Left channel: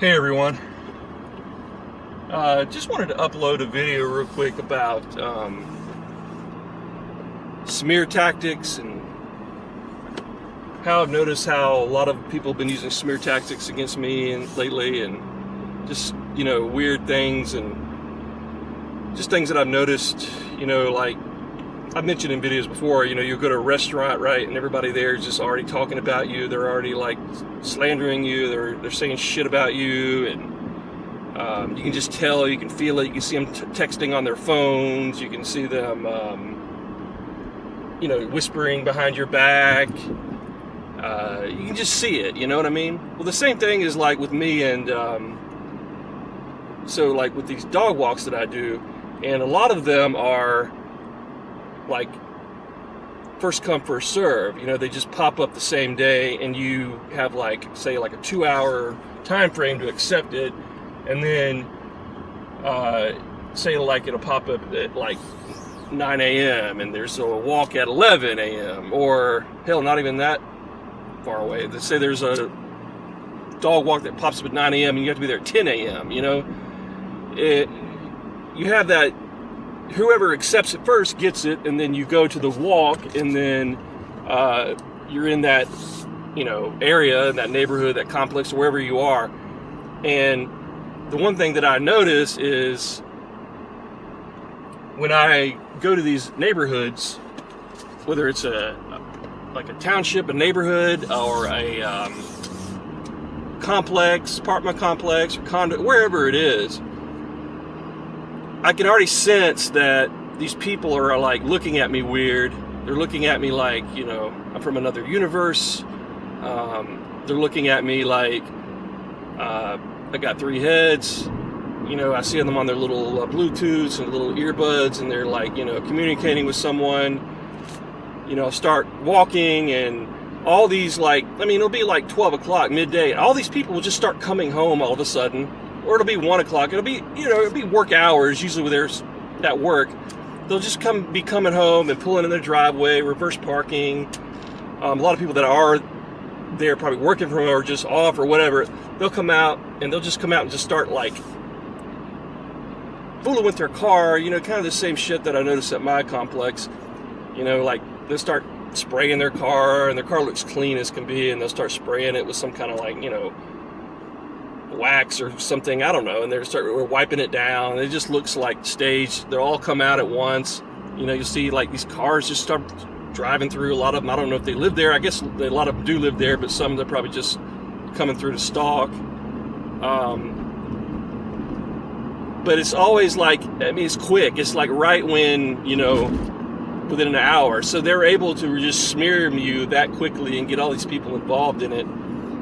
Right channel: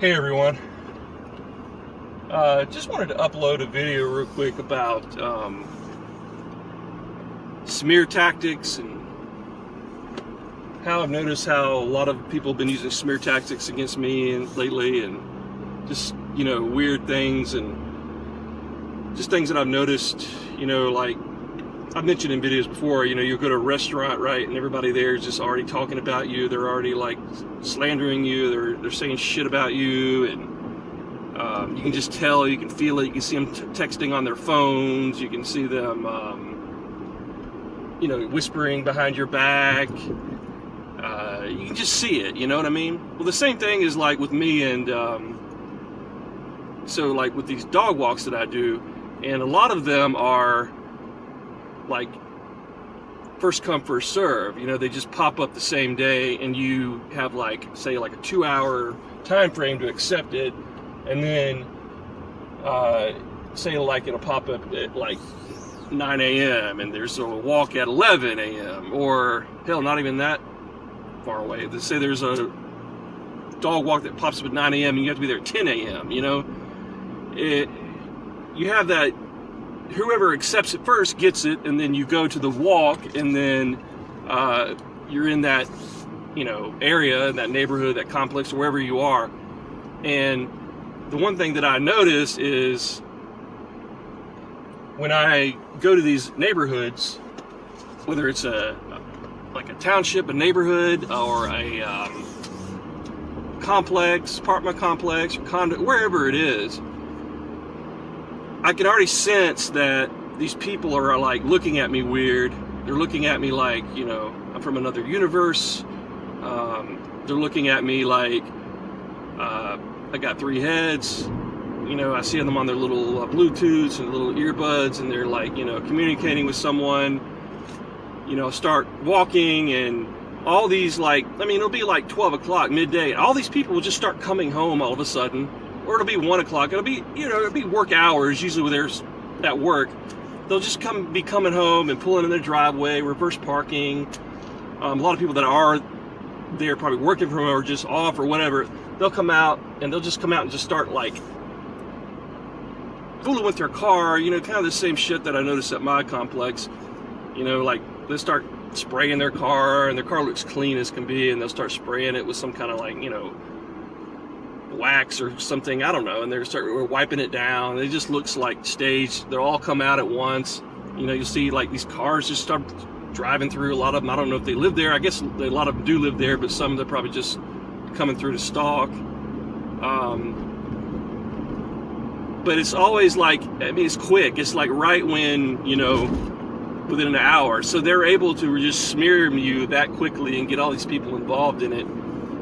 Hey everyone, just wanted to upload a video real quick about smear tactics and how I've noticed how a lot of people have been using smear tactics against me and lately, and just, weird things and just things that I've noticed, like I've mentioned in videos before, you go to a restaurant, right, and everybody there is just already talking about you. They're already like slandering you. They're saying shit about you, and you can just tell, you can feel it. You can see them texting on their phones. You can see them, whispering behind your back. You can just see it. You know what I mean? Well, the same thing is like with me, and so like with these dog walks that I do, and a lot of them are like first come first serve. They just pop up the same day, and you have like, say, like a 2-hour time frame to accept it, and then say like it'll pop up at like 9 a.m. and there's a walk at 11 a.m. or hell, not even that far away. Let's say there's a dog walk that pops up at 9 a.m. and you have to be there at 10 a.m. You have that. Whoever accepts it first gets it, and then you go to the walk, and then you're in that, area, that neighborhood, that complex, or wherever you are. And the one thing that I notice is when I go to these neighborhoods, whether it's like a township, a neighborhood, or a complex, apartment complex, or condo, wherever it is, I can already sense that these people are like looking at me weird. They're looking at me like, I'm from another universe. They're looking at me like I got 3 heads. I see them on their little Bluetooths and little earbuds, and they're like, communicating with someone. Start walking, and all these it'll be like 12 o'clock, midday. All these people will just start coming home all of a sudden. Or it'll be 1 o'clock. It'll be, it'll be work hours. Usually when there's at work, they'll just be coming home and pulling in their driveway, reverse parking. A lot of people that are there probably working from home or just off or whatever, they'll come out and just start like fooling with their car. Kind of the same shit that I noticed at my complex. Like they'll start spraying their car, and their car looks clean as can be, and they'll start spraying it with some kind of like, wax or something, I don't know, and we're wiping it down. It just looks like staged. They'll all come out at once. You see like these cars just start driving through. A lot of them, I don't know if they live there. I guess a lot of them do live there, but some they're probably just coming through to stalk. But it's always like, it's quick. It's like right when, within an hour. So they're able to just smear you that quickly and get all these people involved in it.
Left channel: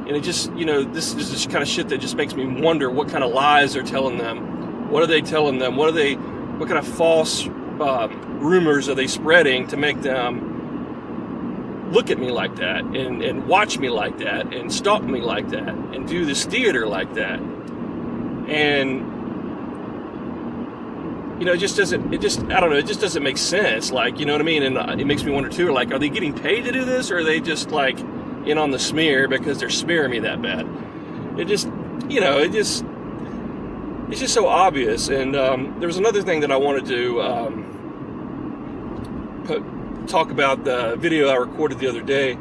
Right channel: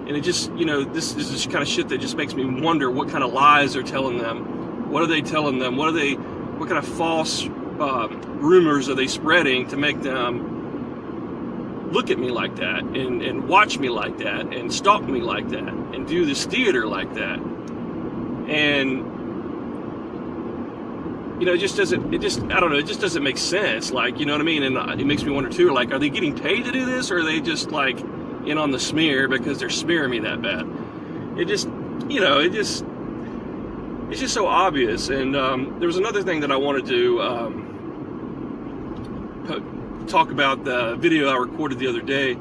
And it just, this is just kind of shit that just makes me wonder what kind of lies they're telling them. What are they telling them? What kind of false rumors are they spreading to make them look at me like that, and watch me like that, and stalk me like that, and do this theater like that? And, it just doesn't make sense. Like, you know what I mean? And it makes me wonder too, like, are they getting paid to do this, or are they just like in on the smear because they're smearing me that bad? It's just so obvious. And there was another thing that I wanted to talk about, the video I recorded the other day.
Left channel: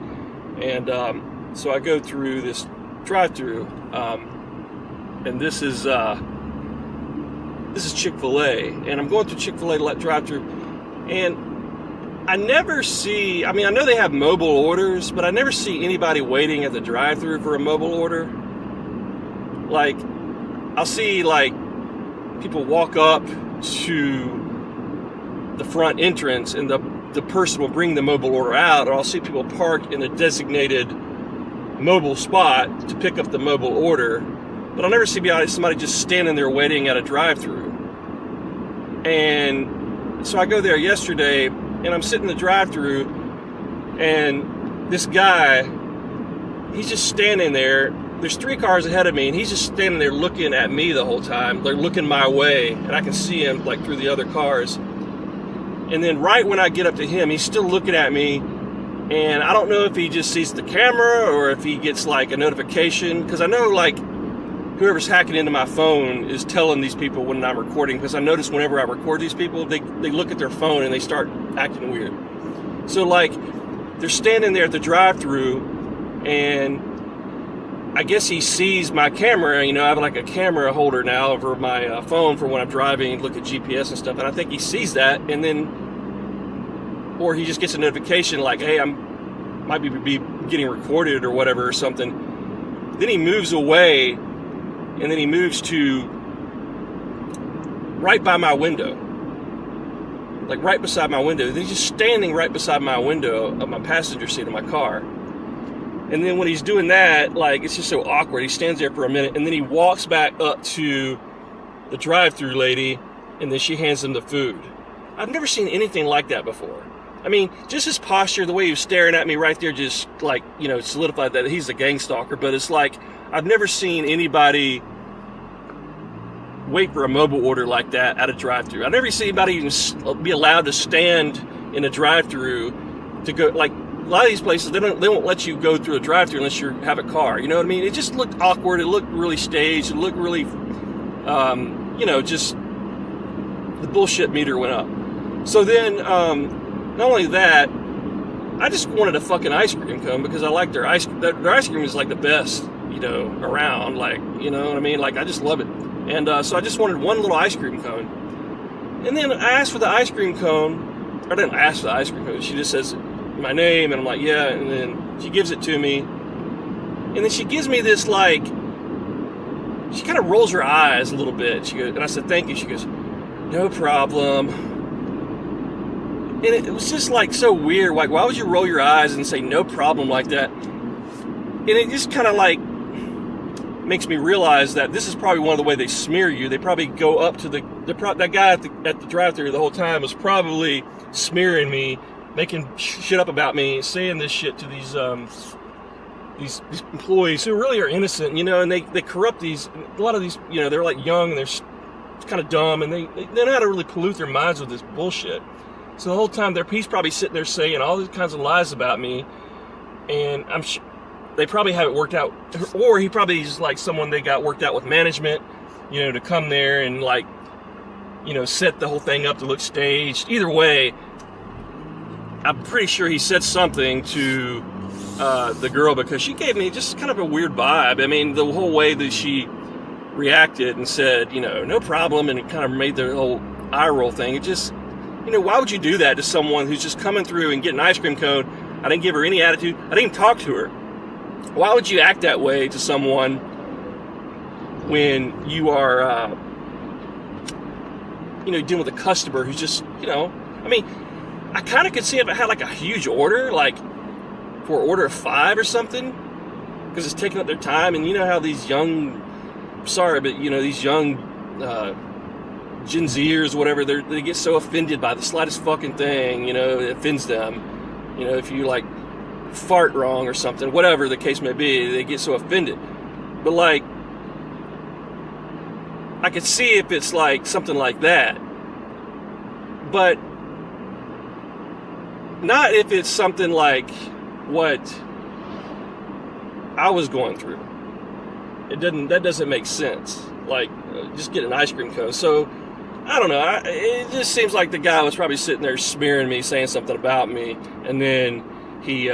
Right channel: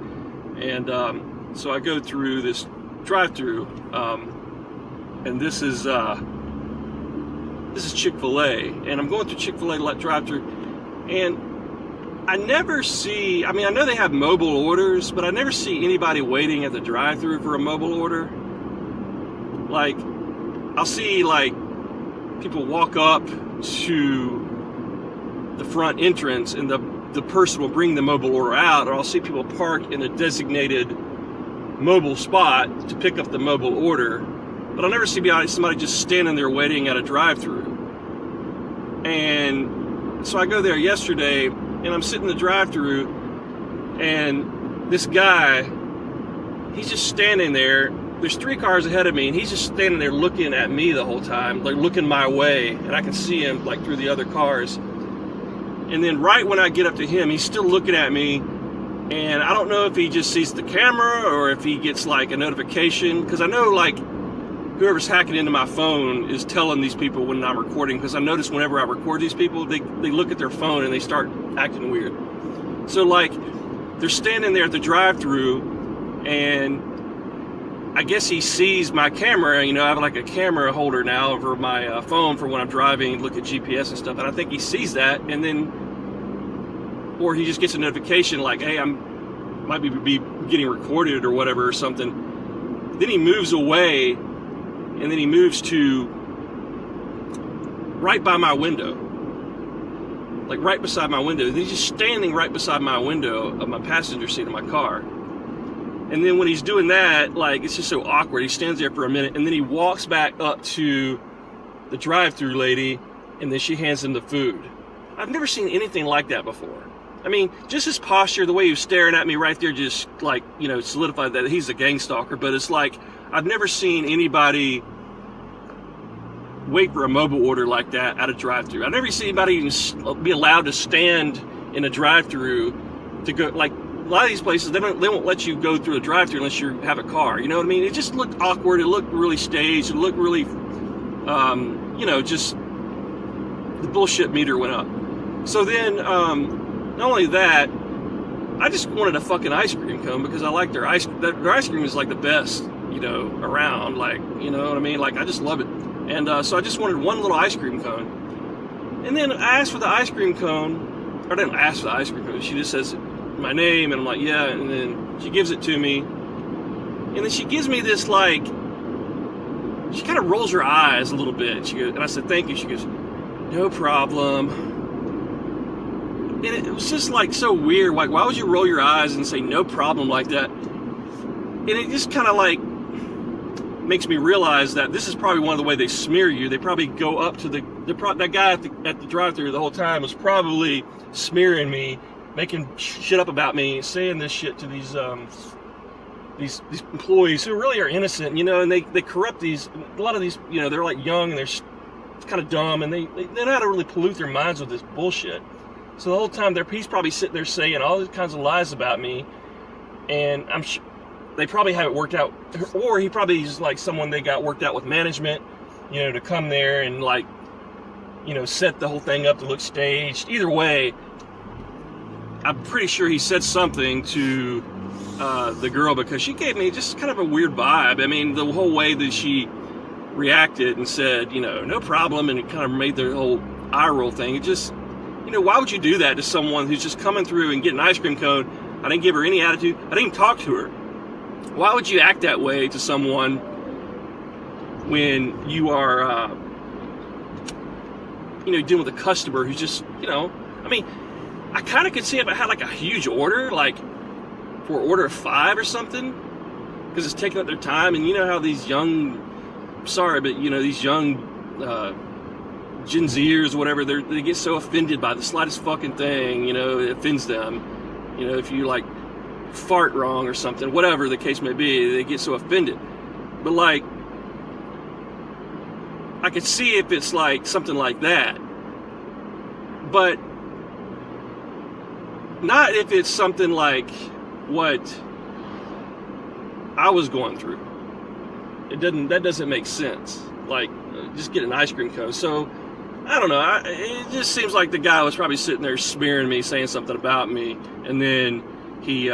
And so I go through this drive-through, and this is Chick-fil-A, and I'm going through Chick-fil-A drive-through, and I never see, I know they have mobile orders, but I never see anybody waiting at the drive-thru for a mobile order. Like, I'll see, like, people walk up to the front entrance, and the person will bring the mobile order out, or I'll see people park in a designated mobile spot to pick up the mobile order, but I'll never see somebody just standing there waiting at a drive-thru. And so I go there yesterday, and I'm sitting in the drive-thru, and this guy, he's just standing there. There's 3 cars ahead of me, and he's just standing there looking at me the whole time, like looking my way, and I can see him like through the other cars. And then right when I get up to him, he's still looking at me, And I don't know if he just sees the camera or if he gets like a notification, because I know like whoever's hacking into my phone is telling these people when I'm recording, because I notice whenever I record these people, they look at their phone and they start acting weird. So like, they're standing there at the drive-thru, and I guess he sees my camera. You know, I have like a camera holder now over my phone for when I'm driving and look at GPS and stuff, and I think he sees that, and then, or he just gets a notification like, hey, might be getting recorded or whatever or something. Then he moves away, and then he moves to right by my window, like right beside my window. He's just standing right beside my window of my passenger seat of my car. And then when he's doing that, like, it's just so awkward. He stands there for a minute, and then he walks back up to the drive-thru lady, and then she hands him the food. I've never seen anything like that before. I mean, just his posture, the way he was staring at me right there, just like, you know, solidified that he's a gang stalker. But it's like, I've never seen anybody wait for a mobile order like that at a drive-thru. I've never seen anybody even be allowed to stand in a drive-thru to go, like, a lot of these places, they won't let you go through a drive-thru unless you have a car. You know what I mean? It just looked awkward. It looked really staged. It looked really, you know, just the bullshit meter went up. So then, not only that, I just wanted a fucking ice cream cone because I like their ice cream is like the best, you know, around. Like, you know what I mean? Like, I just love it. And so I just wanted one little ice cream cone. And then I asked for the ice cream cone. Or I didn't ask for the ice cream cone. She just says my name, and I'm like, yeah. And then she gives it to me. And then she gives me this, like, she kind of rolls her eyes a little bit. She goes, and I said, thank you. She goes, no problem. And it was just like so weird. Like, why would you roll your eyes and say no problem like that? And it just kind of like makes me realize that this is probably one of the way they smear you. They probably go up to that guy at the drive-thru the whole time was probably smearing me, making shit up about me, saying this shit to these employees who really are innocent, you know, and they corrupt a lot of these, you know, they're like young and they're kind of dumb, and they know how to really pollute their minds with this bullshit. So the whole time he's probably sitting there saying all these kinds of lies about me, and I'm sure they probably have it worked out, or he probably is like someone they got worked out with management, you know, to come there and, like, you know, set the whole thing up to look staged. Either way, I'm pretty sure he said something to the girl, because she gave me just kind of a weird vibe. I mean, the whole way that she reacted and said, you know, no problem, and it kind of made the whole eye roll thing. It just, you know, why would you do that to someone who's just coming through and getting an ice cream cone? I didn't give her any attitude. I didn't even talk to her. Why would you act that way to someone when you are, you know, dealing with a customer who's just, you know, I mean, I kind of could see if I had like a huge order, like for an order of 5 or something, because it's taking up their time. And you know how these young, sorry, but you know, these young Gen Zers or whatever, they get so offended by the slightest fucking thing, you know, it offends them. You know, if you like fart wrong or something, whatever the case may be, they get so offended. But like, I could see if it's like something like that, but not if it's something like what I was going through. That doesn't make sense. Like, just get an ice cream cone. So I don't know. It just seems like the guy was probably sitting there smearing me, saying something about me, and then he, you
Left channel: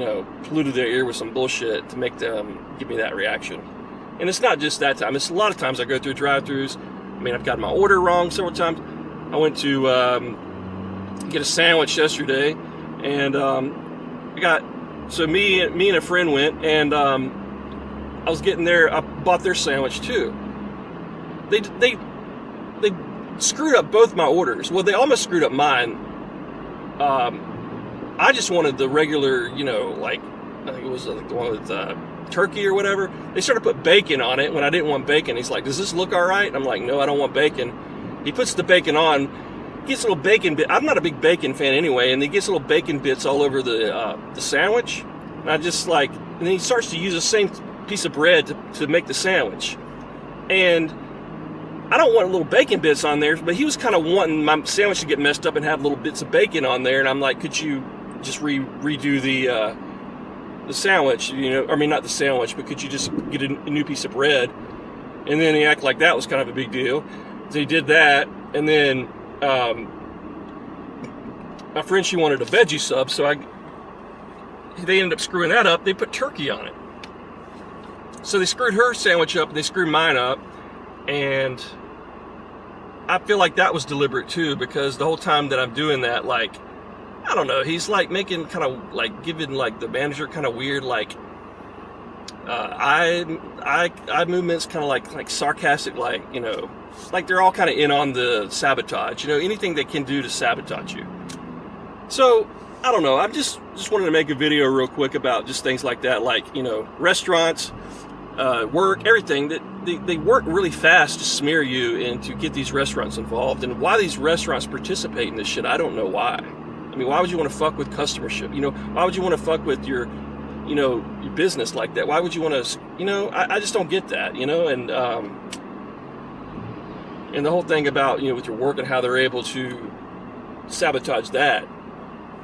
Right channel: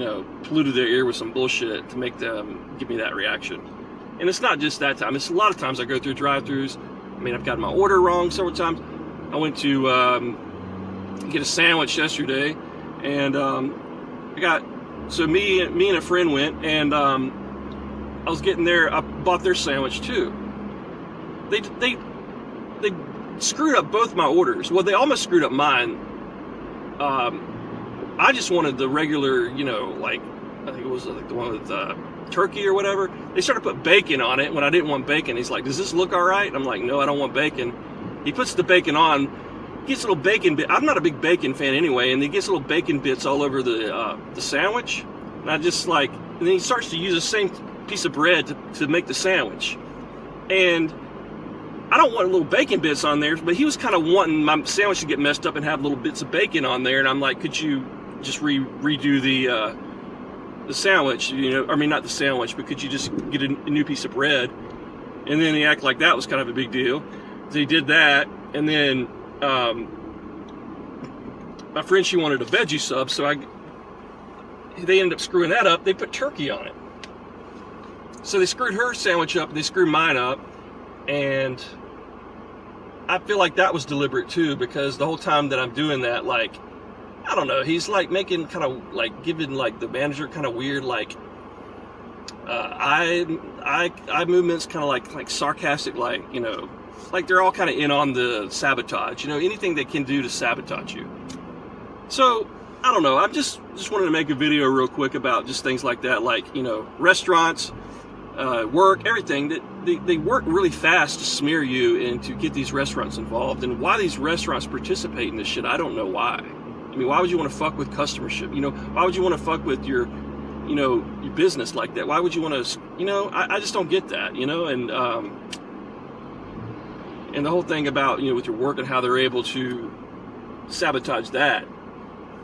know, polluted their ear with some bullshit to make them give me that reaction. And it's not just that time. It's a lot of times I go through drive-thrus. I mean, I've gotten my order wrong several times. I went to get a sandwich yesterday, and me and a friend went, and I was getting there. I bought their sandwich too. They screwed up both my orders. Well, they almost screwed up mine. I just wanted the regular, you know, like, I think it was like the one with turkey or whatever. They started to put bacon on it when I didn't want bacon. He's like, does this look all right? I'm like, no, I don't want bacon. He puts the bacon on, gets little bacon bit. I'm not a big bacon fan anyway, and he gets little bacon bits all over the sandwich. And I just like, and then he starts to use the same piece of bread to make the sandwich. And I don't want little bacon bits on there, but he was kind of wanting my sandwich to get messed up and have little bits of bacon on there. And I'm like, could you just redo the sandwich? You know, I mean, not the sandwich, but could you just get a new piece of bread? And then he acted like that was kind of a big deal. So he did that, and then my friend, she wanted a veggie sub, so they ended up screwing that up. They put turkey on it. So they screwed her sandwich up, and they screwed mine up, and I feel like that was deliberate too, because the whole time that I'm doing that, like, I don't know, he's like making kind of like giving like the manager kind of weird like eye movements, kind of like sarcastic, like, you know, like they're all kind of in on the sabotage, you know, anything they can do to sabotage you. So I don't know, I just wanted to make a video real quick about just things like that, like, you know, restaurants, work, everything, that they work really fast to smear you and to get these restaurants involved. And why these restaurants participate in this shit, I don't know why. I mean, why would you want to fuck with customership? You know, why would you want to fuck with your, you know, your business like that? Why would you want to, you know, I just don't get that, you know. And the whole thing about, you know, with your work and how they're able to sabotage that,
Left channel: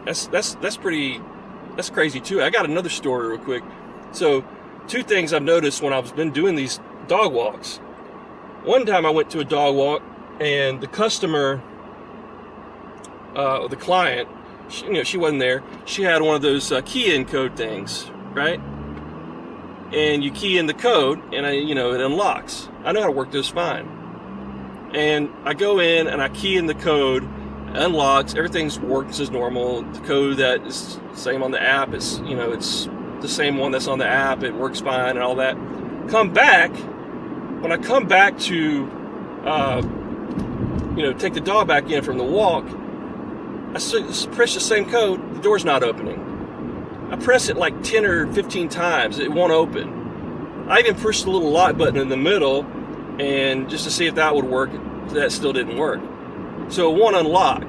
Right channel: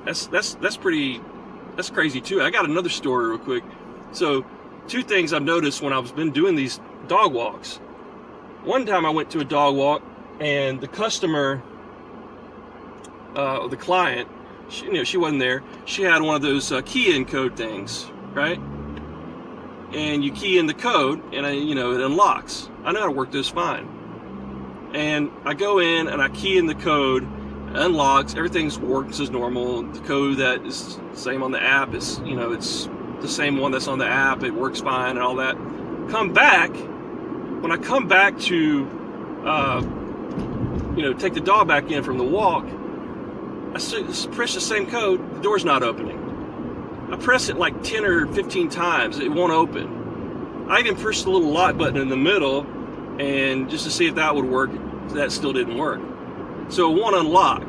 that's crazy too. I got another story real quick. So 2 things I've noticed when I've been doing these dog walks. One time I went to a dog walk, and the customer, the client, she wasn't there. She had one of those key in code things, right? And you key in the code, and it unlocks. I know how to work this fine. And I go in and I key in the code, unlocks, everything works as normal. The code that is the same on the app is, you know, it's the same one that's on the app. It works fine and all that. When I come back to, take the dog back in from the walk, I press the same code, the door's not opening. I press it like 10 or 15 times, it won't open. I even pushed the little lock button in the middle, and just to see if that would work, that still didn't work. So it won't unlock.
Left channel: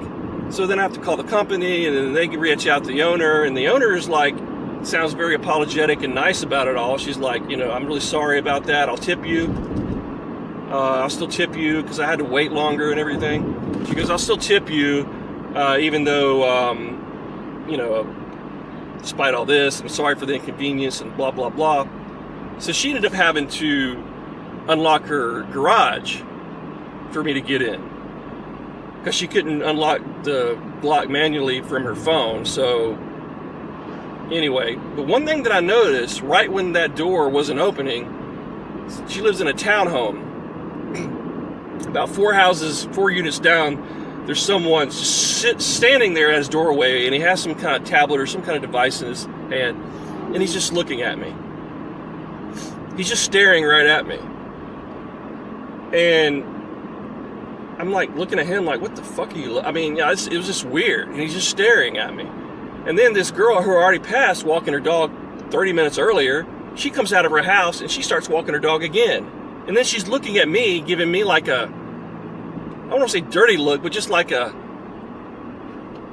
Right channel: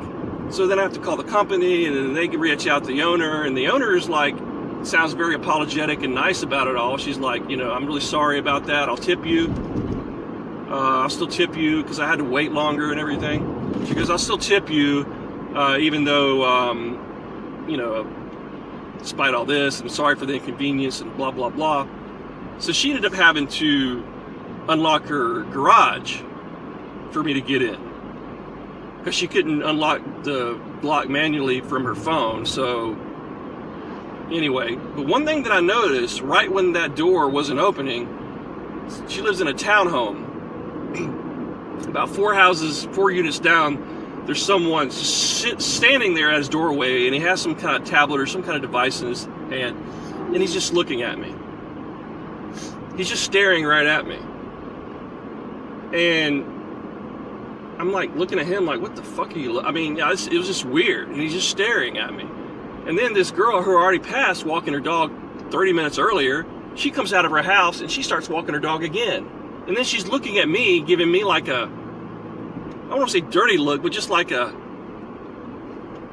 So then I have to call the company, and then they reach out to the owner, and the owner is like, sounds very apologetic and nice about it all. She's like, I'm really sorry about that. I'll tip you. I'll still tip you because I had to wait longer and everything. She goes, I'll still tip you, even though, despite all this, I'm sorry for the inconvenience and blah, blah, blah. So she ended up having to unlock her garage for me to get in, because she couldn't unlock the lock manually from her phone. So anyway, but one thing that I noticed right when that door wasn't opening, she lives in a townhome. About 4 units down, there's someone standing there at his doorway, and he has some kind of tablet or some kind of device in his hand, and he's just looking at me. He's just staring right at me. And I'm like looking at him like, what the fuck are you? It was just weird, and he's just staring at me. And then this girl who already passed walking her dog 30 minutes earlier, she comes out of her house and she starts walking her dog again. And then she's looking at me, giving me like I don't want to say dirty look, but just like I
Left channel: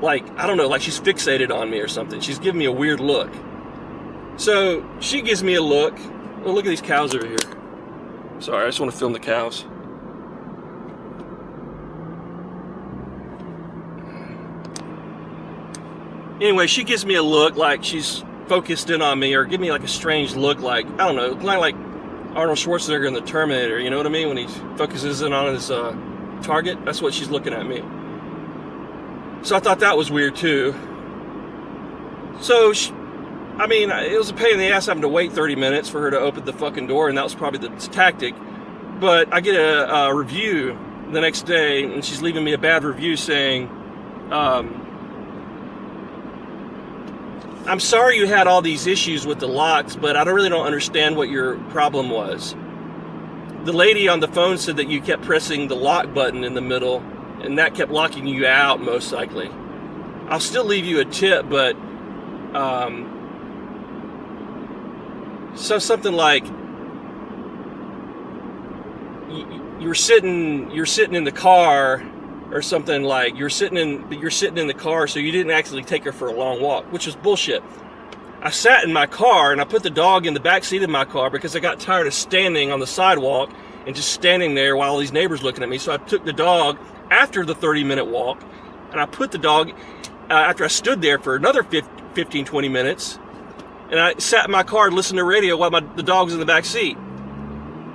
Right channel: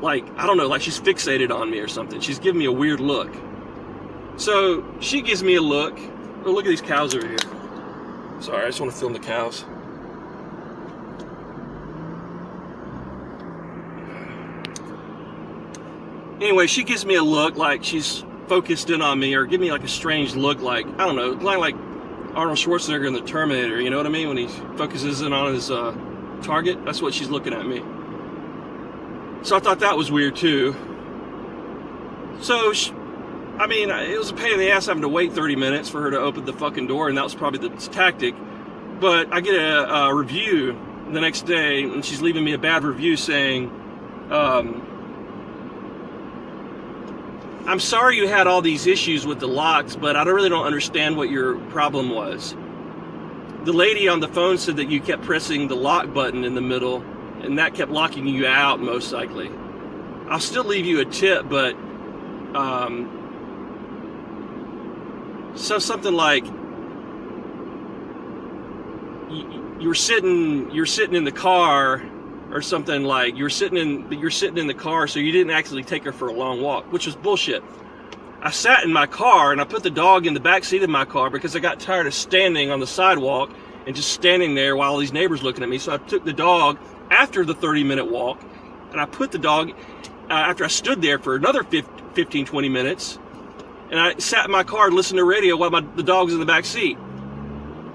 don't know, like she's fixated on me or something. She's giving me a weird look. So she gives me a look. Oh, look at these cows over here. Sorry, I just want to film the cows. Anyway, she gives me a look like she's focused in on me, or give me like a strange look, like, I don't know, like Arnold Schwarzenegger in The Terminator, you know what I mean? When he focuses in on his target, that's what she's looking at me. So I thought that was weird too. So, it was a pain in the ass having to wait 30 minutes for her to open the fucking door, and that was probably the tactic. But I get a review the next day, and she's leaving me a bad review saying, I'm sorry you had all these issues with the locks, but I really don't understand what your problem was. The lady on the phone said that you kept pressing the lock button in the middle, and that kept locking you out, most likely. I'll still leave you a tip, but so something like you're sitting in the car, or something like you're sitting in the car, so you didn't actually take her for a long walk, which was bullshit. I sat in my car and I put the dog in the back seat of my car because I got tired of standing on the sidewalk and just standing there while all these neighbors looking at me. So I took the dog after the 30-minute walk, and I put the dog after I stood there for another 15-20 minutes, and I sat in my car and listened to radio while the dog was in the back seat.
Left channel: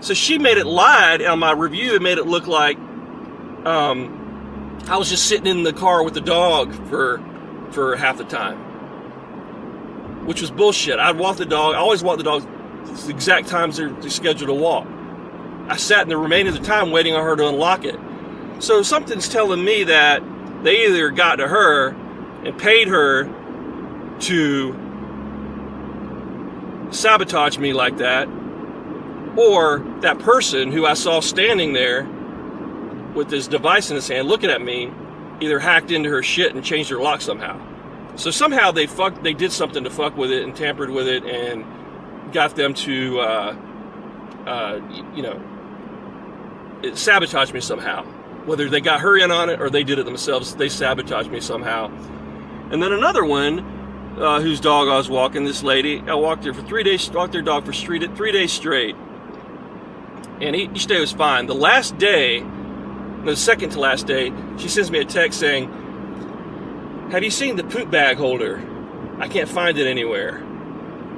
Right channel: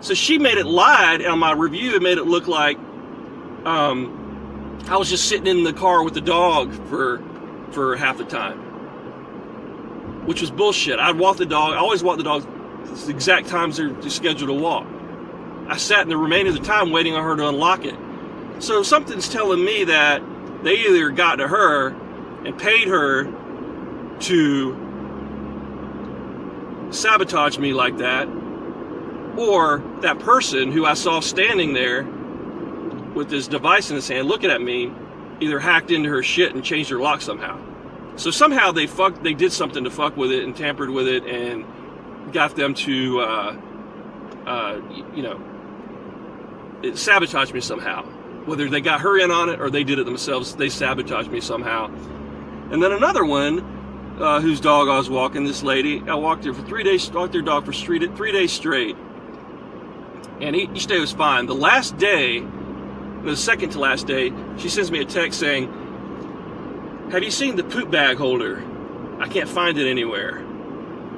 So she made it lied on my review and made it look like I was just sitting in the car with the dog for half the time, which was bullshit. I'd walk the dog. I always walk the dog the exact times they're scheduled to walk. I sat in the remainder of the time waiting on her to unlock it. So something's telling me that they either got to her and paid her to sabotage me like that, or that person who I saw standing there with this device in his hand looking at me either hacked into her shit and changed her lock somehow. So somehow they did something to fuck with it and tampered with it and got them to sabotage me somehow. Whether they got her in on it or they did it themselves, they sabotaged me somehow. And then another one, whose dog I was walking, this lady, I walked her for 3 days, walked their dog for 3 days straight. And each day was fine. The last day, the second to last day, she sends me a text saying, "Have you seen the poop bag holder? I can't find it anywhere."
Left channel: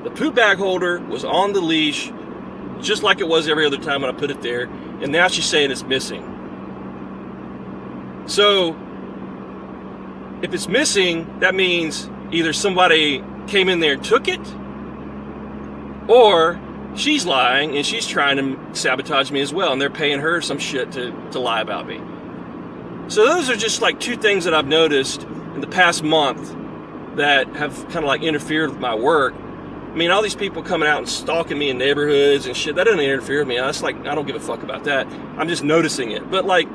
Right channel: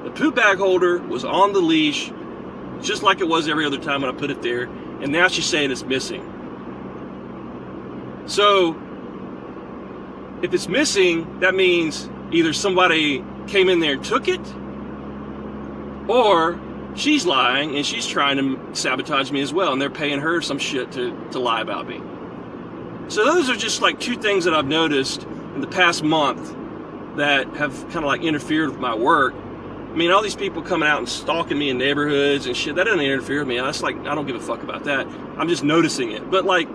The poop bag holder was on the leash, just like it was every other time when I put it there, and now she's saying it's missing. So, if it's missing, that means either somebody came in there and took it, or she's lying and she's trying to sabotage me as well, and they're paying her some shit to lie about me. So those are just like two things that I've noticed in the past month that have kind of like interfered with my work. I mean, all these people coming out and stalking me in neighborhoods and shit, that doesn't interfere with me. That's like, I don't give a fuck about that. I'm just noticing it. But like,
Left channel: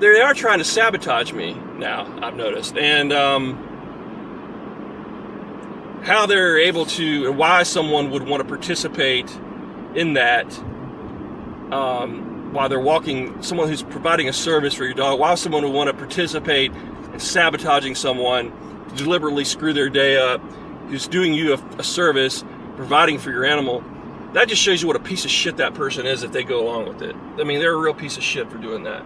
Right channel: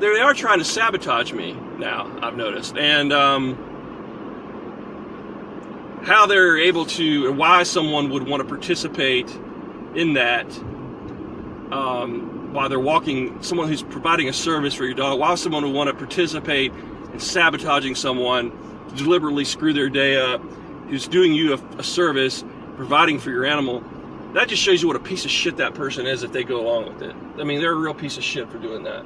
they are trying to sabotage me now, I've noticed. And how they're able to, and why someone would want to participate in that while they're walking, someone who's providing a service for your dog, why someone would want to participate in sabotaging someone to deliberately screw their day up, who's doing you a service, providing for your animal. That just shows you what a piece of shit that person is if they go along with it. I mean, they're a real piece of shit for doing that.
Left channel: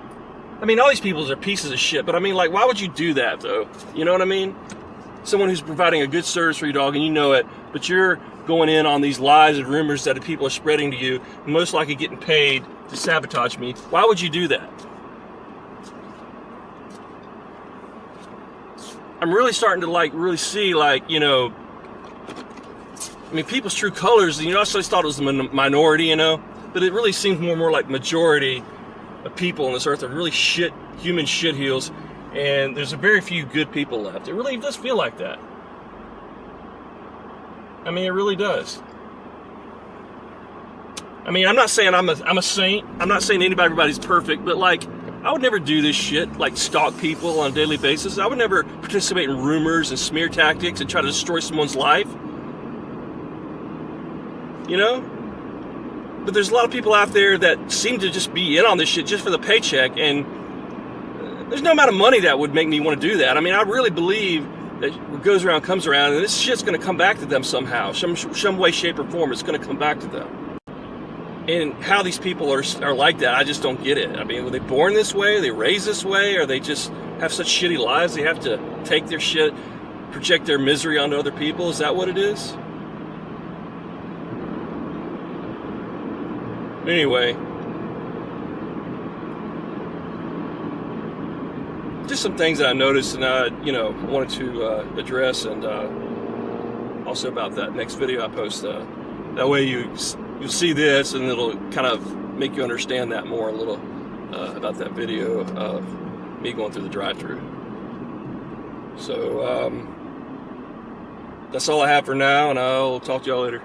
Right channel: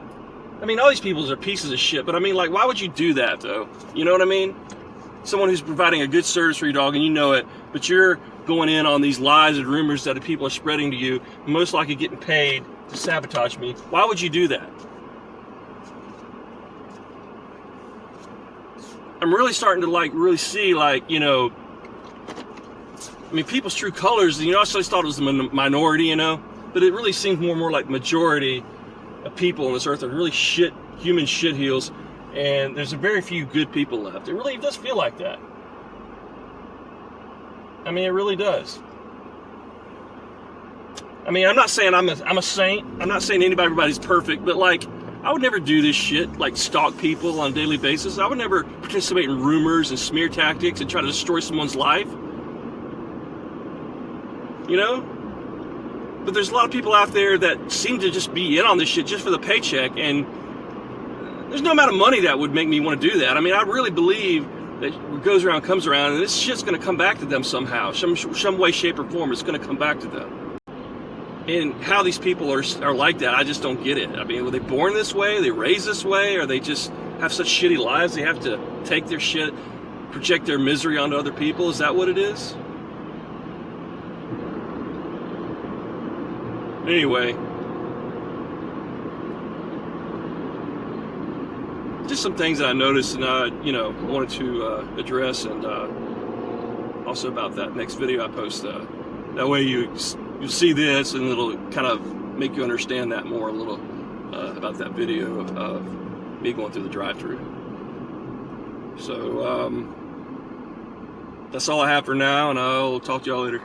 I mean, all these people are pieces of shit, but I mean, like, why would you do that, though? You know what I mean? Someone who's providing a good service for your dog and you know it, but you're going in on these lies and rumors that people are spreading to you, most likely getting paid to sabotage me. Why would you do that? I'm really starting to like really see, like, you know, I mean, people's true colors. You know, I always thought it was the minority, you know, but it really seems more and more like majority of people on this earth are really human shitheels. And there's a very few good people left. It really does feel like that. I mean, it really does. I mean, I'm not saying I'm a saint. I'm not saying everybody's perfect, but like, I would never do this shit, like stalk people on a daily basis. I would never participate in rumors and smear tactics and try to destroy someone's life. You know? But there's a lot of people out there that seem to just be in on this shit just for the paycheck, and there's no amount of money that would make me want to do that. I mean, I really believe that what goes around comes around, and this shit's going to come back to them somehow. Some way, shape, or form, it's going to come back to them. And how these people are like that, I just don't get it. I mean, were they born this way? Are they raised this way? Or they just have such shitty lives they have to take their shit, project their misery onto other people? Is that what it is? Anyway, just some things that I noticed and I, wanted to address, and also about that next video I post. That way you'll see this, and it'll kind of make you understand that more a little about that video of me going through the drive-thru. So that's all I have for now, and I'll talk to y'all later.